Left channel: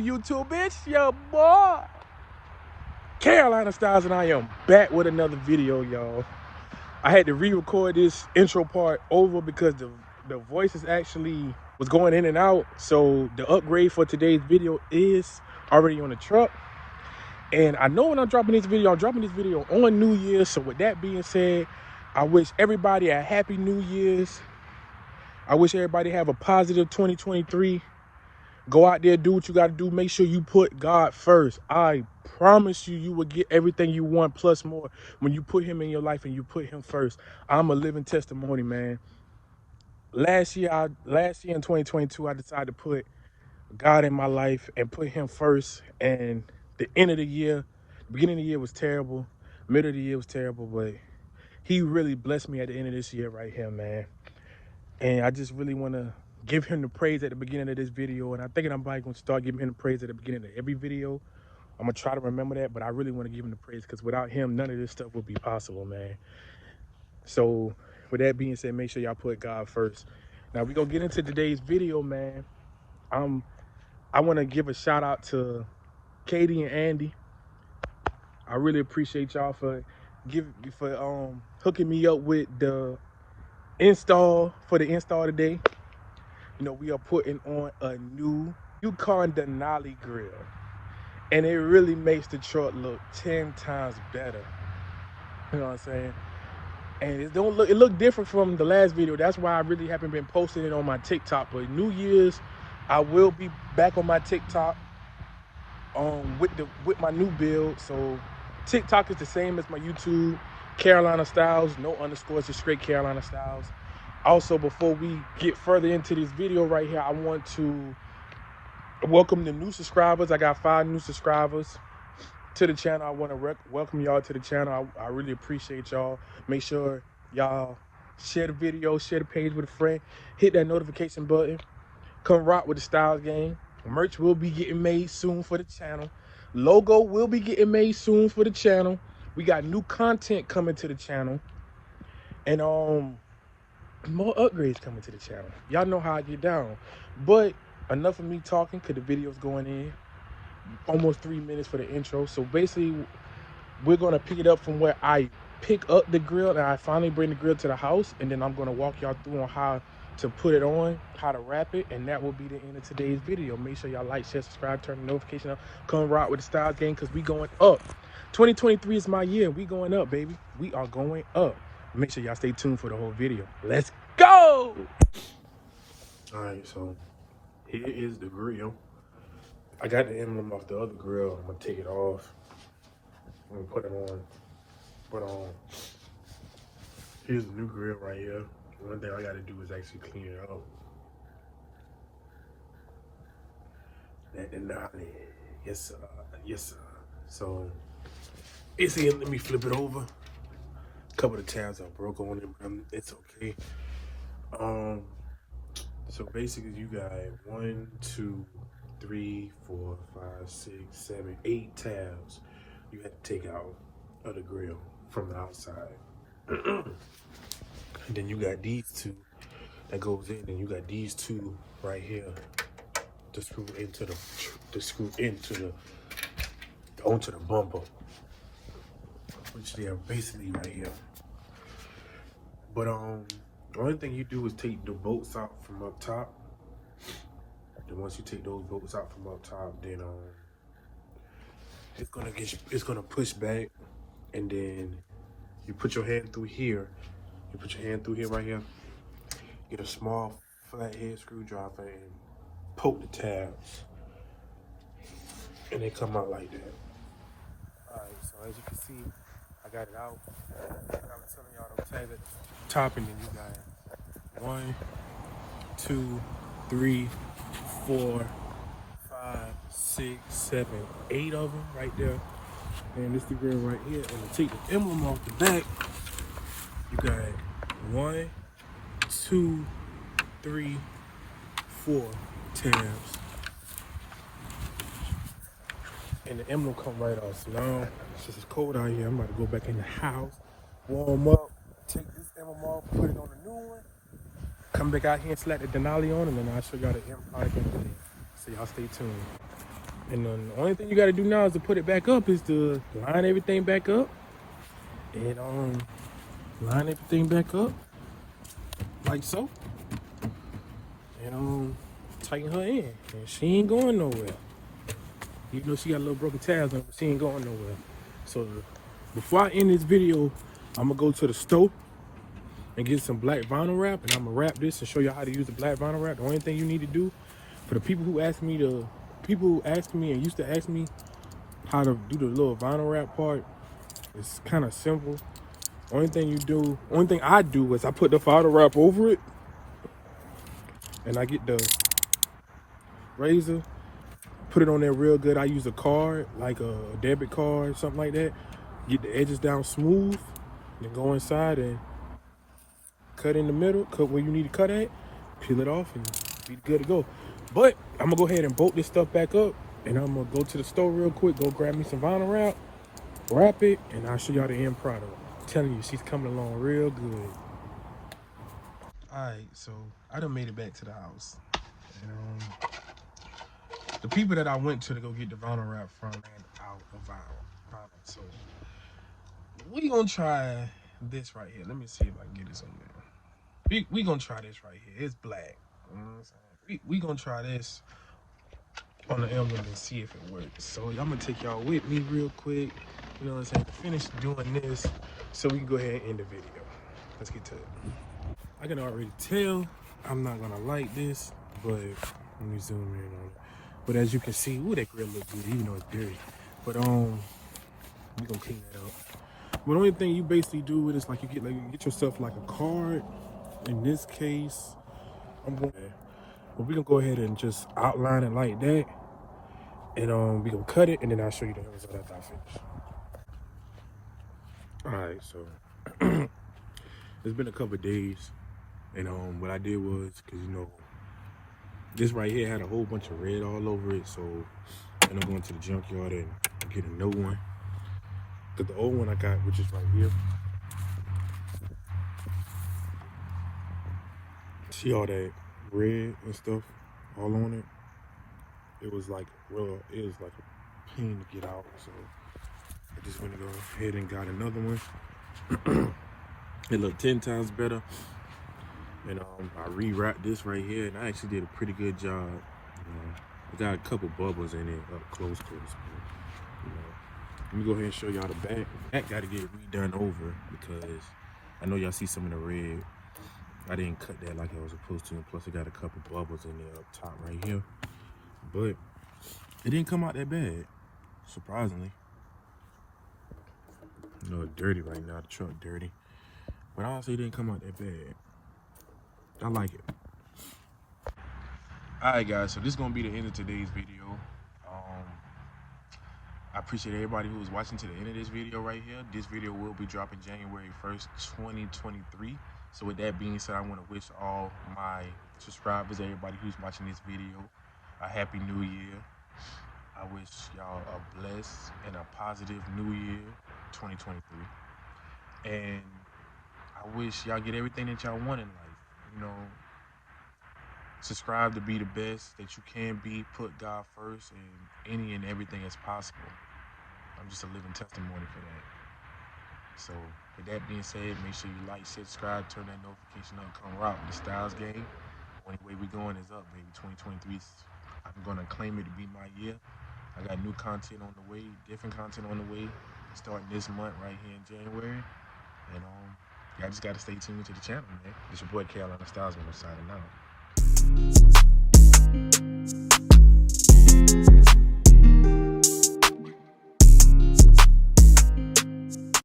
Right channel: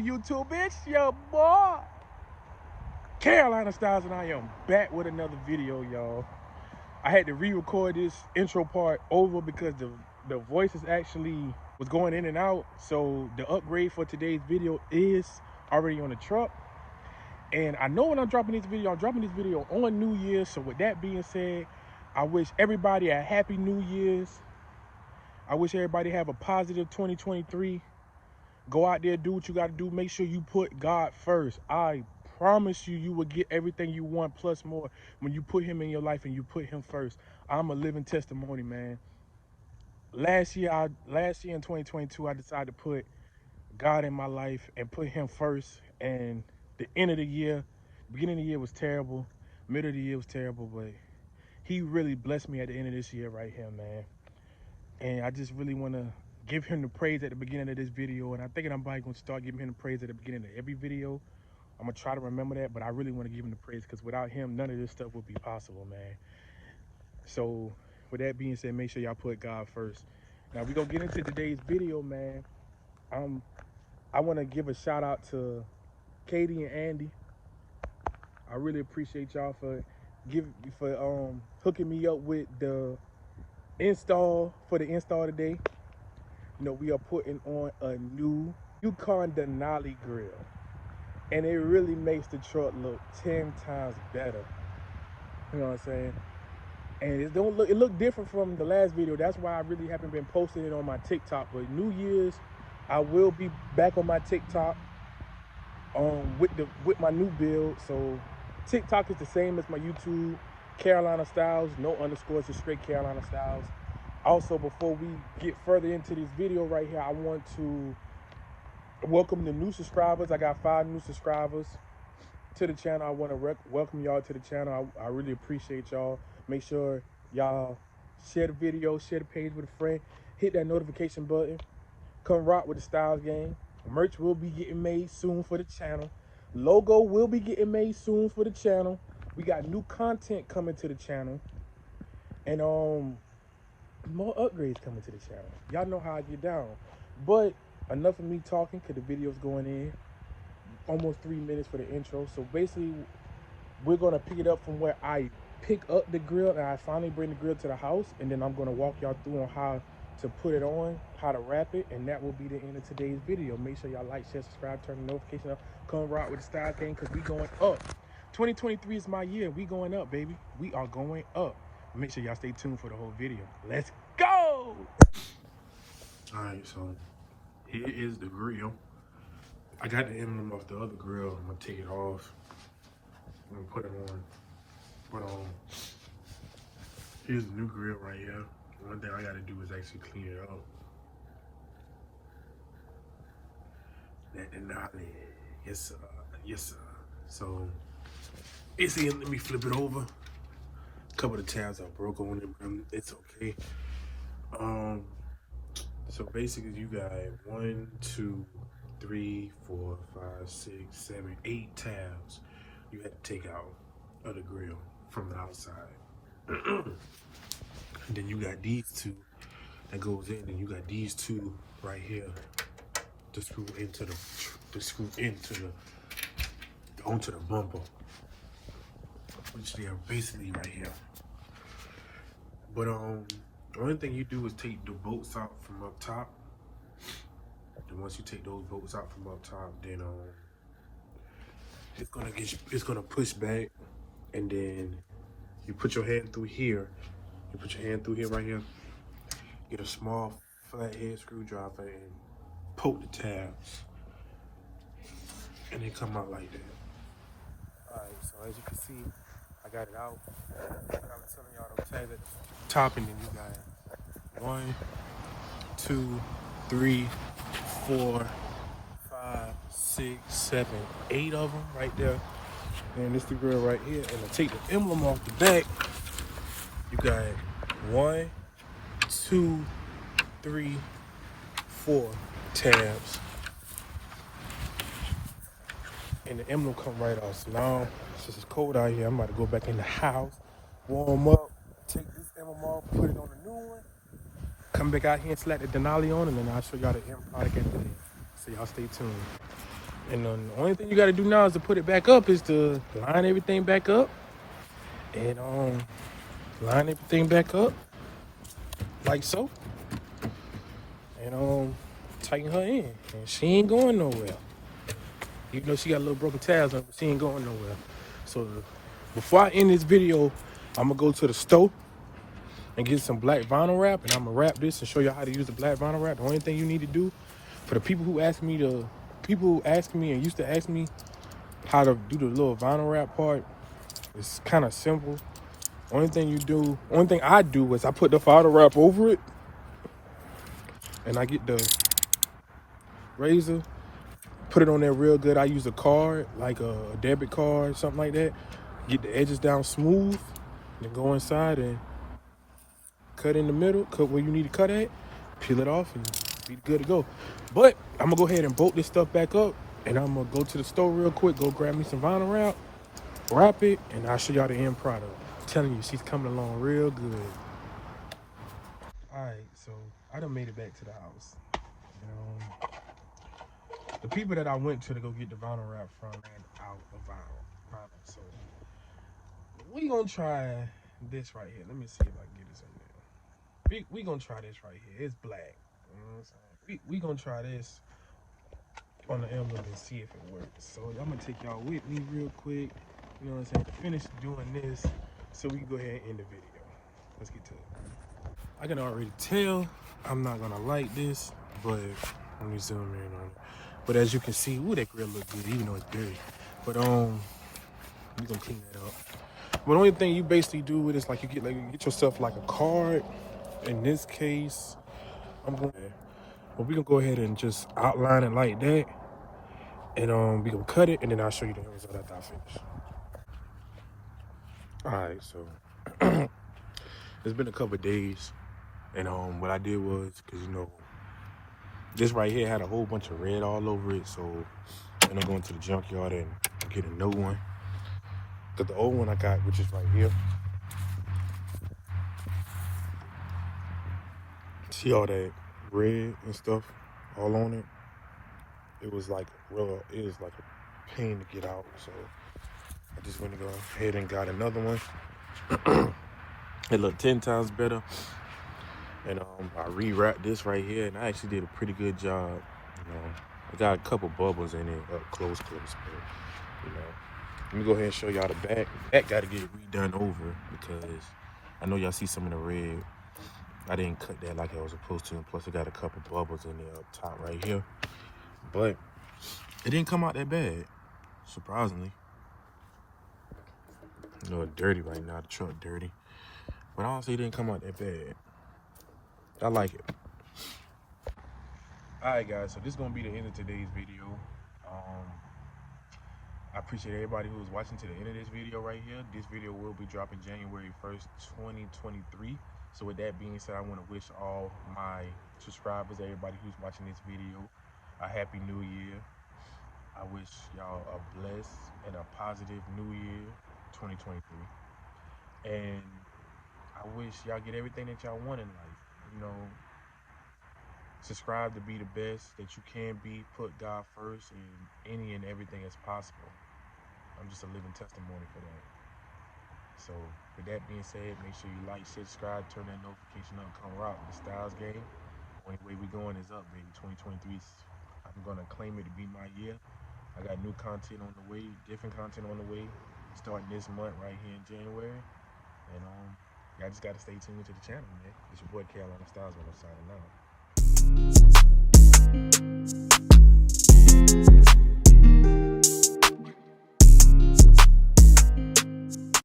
YouTube? It's your boy, CarolinaStylez, and I am back with another video, y'all. I had to re-record this intro part over because the voices actually was going in and out. So the upgrade for today's video is already on the truck. And I know when I'm dropping this video on New Year's. So with that being said, I wish everybody a happy New Year's. I wish everybody have a positive 2023. Go out there, do what you got to do. Make sure you put God first. I promise you, you will get everything you want plus more when you put him in your life and you put him first. I'm a living testimony, man. Last year in 2022, I decided to put God in my life and put him first. And the end of the year, the beginning of the year was terrible. Middle of the year was terrible, but he really blessed me at the end of this year right here, man. And I just really want to give him the praise at the beginning of this video. And I think I'm probably going to start giving him the praise at the beginning of every video. I'm going to try to remember that, but I really want to give him the praise because without him, none of this stuff would be possible, man. So with that being said, make sure y'all put God first. Now we're going to get into today's video, man. I want to give a shout out to Katie and Andy. I really appreciate y'all for hooking me up with the install today. You know, we are putting on a new Yukon Denali grill, and it really makes the truck look 10 times better. You know what I'm saying? And it look different from the last video. That's why I really haven't been posting it on my TikTok. But New Year's, I will be back on my TikTok with my new build. So TikTok is the same as my YouTube, CarolinaStylez, no underscores, just straight CarolinaStylez. Also, before we get further into this video right here, I want to welcome the new subscribers. I got 5 new subscribers to the channel. I want to welcome y'all to the channel. I really appreciate y'all. Make sure y'all share the video, share the page with a friend, hit that notification button. Come rock with the Styles Gang. Merch will be getting made soon for the channel. Logo will be getting made soon for the channel. We got new content coming to the channel. And more upgrades coming to the channel. Y'all know how I get down. But enough of me talking because the video's going in. Almost 3 minutes for the intro. So basically, we're going to pick it up from where I pick up the grill and I finally bring the grill to the house. And then I'm going to walk y'all through on how to put it on, how to wrap it. And that will be the end of today's video. Make sure y'all like, share, subscribe, turn the notification on. Come rock with the Styles Gang because we going up. 2023 is my year. We going up, baby. We are going up. Make sure y'all stay tuned for the whole video. Let's go! Alright, so here is the grill. I got the emblem off the other grill. I'm gonna take it off. I'm gonna put it on. But here's the new grill right here. One thing I gotta do is actually clean it up. That Denali. Yes, sir. Yes, sir. So basically, let me flip it over. A couple of tabs I broke on it, but it's okay. So basically you got 1, 2, 3, 4, 5, 6, 7, 8 tabs you have to take out of the grill from the outside. And then you got these 2 that goes in, and you got these 2 right here to screw onto the bumper, which they are basically right here. But the only thing you do is take the bolts out from up top. And once you take those bolts out from up top, then it's gonna push back, and then you put your hand through here. You put your hand through here right here. Get a small flathead screwdriver and poke the tabs, and they come out like that. Alright, so as you can see, I got it out. Like I was telling y'all, those tabs at the top, and then you got 1, 2, 3, 4, 5, 6, 7, 8 of them right there. And this the grill right here. And to take the emblem off the back, you got 1, 2, 3, 4 tabs. And the emblem come right off. So now, since it's cold out here, I'm about to go back in the house, warm up, take this emblem off, put it on the new one, come back out here and slap the Denali on, and then I'll show y'all the end product in a minute. So y'all stay tuned. And the only thing you gotta do now is to put it back up, is to line everything back up. And line everything back up like so. And tighten her in. And she ain't going nowhere. Even though she got a little broken tabs on, she ain't going nowhere. So before I end this video, I'm gonna go to the store and get some black vinyl wrap, and I'm gonna wrap this and show you how to use the black vinyl wrap. The only thing you need to do, for the people who ask me and used to ask me how to do the little vinyl wrap part, it's kind of simple. Only thing I do is I put the vinyl wrap over it, and I get the razor, put it on there real good. I use a card, like a debit card, something like that. Get the edges down smooth, and go inside and cut in the middle, cut where you need to cut at, peel it off, and be good to go. But I'm gonna go ahead and bolt this stuff back up, and I'm gonna go to the store real quick, go grab me some vinyl wrap it, and I'll show y'all the end product. I'm telling you, she's coming along real good. All right, so I done made it back to the house. And, the people that I went to go get the vinyl wrap from ran out of vinyl. So we gonna try this right here. Let me see if I can get this on there. We gonna try this right here. It's black. You know what I'm saying? We gonna try this on the emblem and see if it works. So I'm gonna take y'all with me real quick. You know what I'm saying? Finish doing this so we can go ahead and end the video. Let's get to it. I can already tell I'm not gonna like this, but let me zoom in on it. But as you can see, ooh, that grill looks good, even though it's dirty. But we gonna clean that up. But the only thing you basically do with it is like you get yourself like a card. In this case, we gonna go ahead and just outline it like that, and we gonna cut it, and then I'll show you the result after I finish. All right, so it's been a couple of days, and what I did was, cause you know, this right here had a whole bunch of red all over it, so then I'm going to the junkyard and get a new one. Cause the old one I got, which is right here, see all that red and stuff all on it. It was like a pain to get out, so I just went to go ahead and got another one. It looked 10 times better. And I rewrapped this right here, and I actually did a pretty good job. You know, I got a couple bubbles in it up close, but you know, let me go ahead and show y'all the back. That got to get redone over because I know y'all see some of the red. I didn't cut that like I was supposed to, and plus I got a couple bubbles in there up top right here. But it didn't come out that bad, surprisingly. You know, it's dirty right now, the truck dirty. But honestly, it didn't come out that bad. I like it. Alright guys, so this is going to be the end of today's video. I appreciate everybody who was watching to the end of this video right here. This video will be dropping January 1st, 2023. So with that being said, I want to wish all my subscribers, everybody who's watching this video, a happy new year. I wish y'all a blessed and a positive new year, 2023. And I wish y'all get everything that y'all want in life. You know, subscribe to be the best that you can be, put God first, and any and everything is possible. I'm just a living testimony for that. So with that being said, make sure you like, share, subscribe, turn that notification on, come rock with the Styles game. Only way we going is up, baby. 2023, I'm gonna claim it to be my year. I got new content on the way, different content on the way, starting this month right here in January. And y'all just gotta stay tuned to the channel, man. It's your boy CarolinaStylez signing out.